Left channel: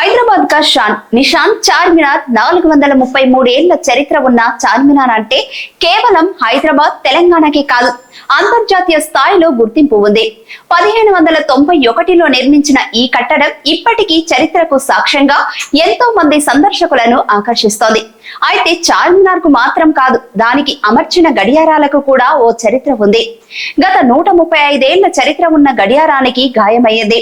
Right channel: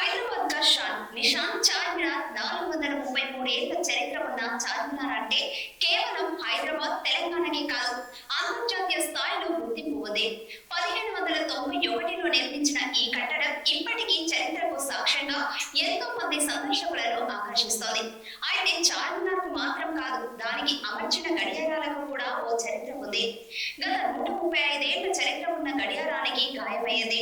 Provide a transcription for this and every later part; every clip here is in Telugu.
హైదరాబాద్ కా షాన్ నిషాన్ చార్మినార్ నాలుగు వందల ముప్పై మూడేళ్ళ చరిత్ర ఉన్న చార్మినార్ అంటే కేవలం హైదరాబాద్ తెలంగాణకే కాదు అంతర్జాతీయ స్థాయిలో గుర్తింపు ఉంది. పదిహేను వందల తొంభై ఒకటిలో నిర్మించిన ఈ కట్టడం ఇప్పటికీ చరిత్రకు సాక్ష్యంగా ఎంతో మంది సందర్శకులను ఆకర్షిస్తోంది. అయితే చార్మినార్కు మాత్రం కాదు దానికి అమర్చిన గడియారాలకు కూడా ఓ చరిత్ర ఉంది. గత నూట ముప్పై ఐదేళ్ళ చరిత్ర ఉన్న గడియారానికి గాయమయ్యింది.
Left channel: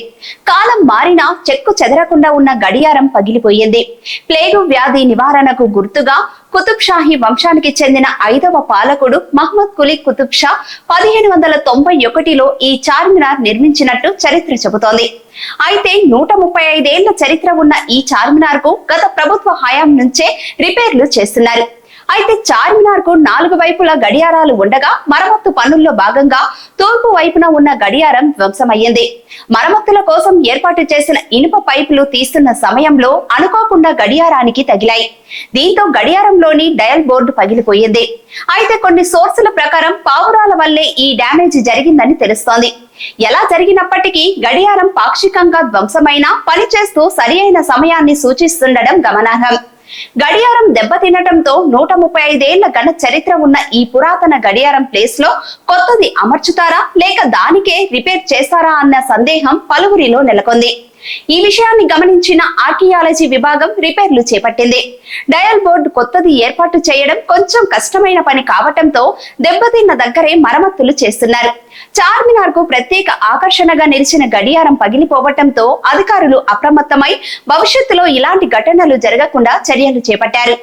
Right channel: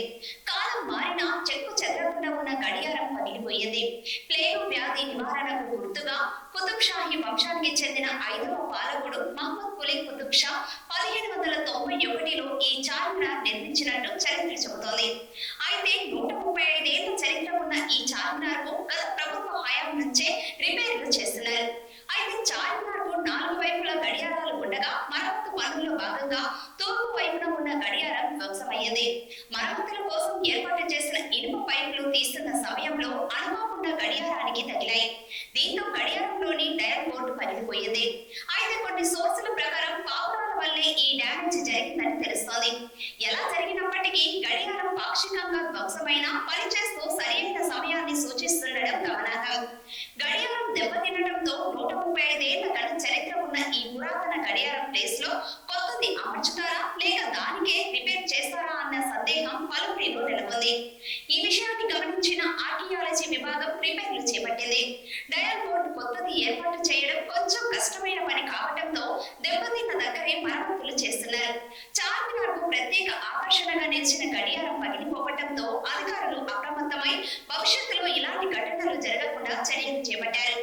కాలం మారినా చెక్కు చెదరకుండా ఉన్న గడియారం పగిలిపోయింది. ప్లేగు వ్యాధి నివారణకు గుర్తుగా కుతుబ్ షాహీ వంశానికి చెందిన ఐదవ పాలకుడు మహమ్మద్ కులీ కుతుబ్ షా పదిహేను వందల తొంభై ఒకటిలో ఈ చార్మినార్ నిర్మించినట్టు చరిత్ర చెబుతోంది. అయితే నూట ముప్పై ఐదేళ్ళ చరిత్ర ఉన్న ఈ చార్మినార్కు గత ప్రభుత్వ హయాం నుంచే రిపేర్లు చేస్తున్నారు. అయితే చార్మినార్కు నాలుగు వైపులా గడియారాలు ఉండగా మరమ్మత్తు పనుల్లో భాగంగా తూర్పు వైపున ఉన్న గడియారం ధ్వంసమయ్యింది. మరమ్మతుల కోసం ఏర్పాటు చేసిన ఇనుప పైపులు తీస్తున్న సమయంలో అనుకోకుండా గడియారానికి తగిలాయి. దీంతో గడియారంలోని డయల్ బోర్డు పగిలిపోయింది. అయితే కొన్ని సోర్సుల ప్రకారం పావురాల వల్లే ఈ డ్యామేజ్ జరిగిందని తెలుస్తోంది. ఎలా జరిగినప్పటికీ గడియారం పాక్షికంగా ధ్వంసమైన పనిచేస్తూ సరి అయిన సమయాన్ని సూచిస్తుండడం గమనార్హం. గడియారం దెబ్బతినటంతో నూట ముప్పై ఐదేళ్ళ ఘన చరిత్ర ఉన్న ఈ పురాతన గడియారం ప్లేస్లో కొత్తది అమర్చుతారా? లేక దానికే రిపేర్ చేస్తారా అన్న సందేహం పలువురిలో నెలకొంది. ఈ విషయాన్ని గమనించిన ఆర్కియాలజీ విభాగం రిపేర్లు చేపట్టింది. డయల్ బోర్డు కొత్తది ఏర్పాటు చేయడం కొంచెం కష్టమైన పని కావటంతో దెబ్బతిన్న దగ్గరే మరమ్మతులు చేస్తున్నారు. చార్మినార్కు ప్రత్యేక ఆకర్షణగా నిలిచిన గడియారం పగిలిపోవటంతో అధికారులు అప్రమత్తమై భవిష్యత్తులో ఇలాంటి ఘటనలు జరగకుండా చర్యలు చేపట్టారు.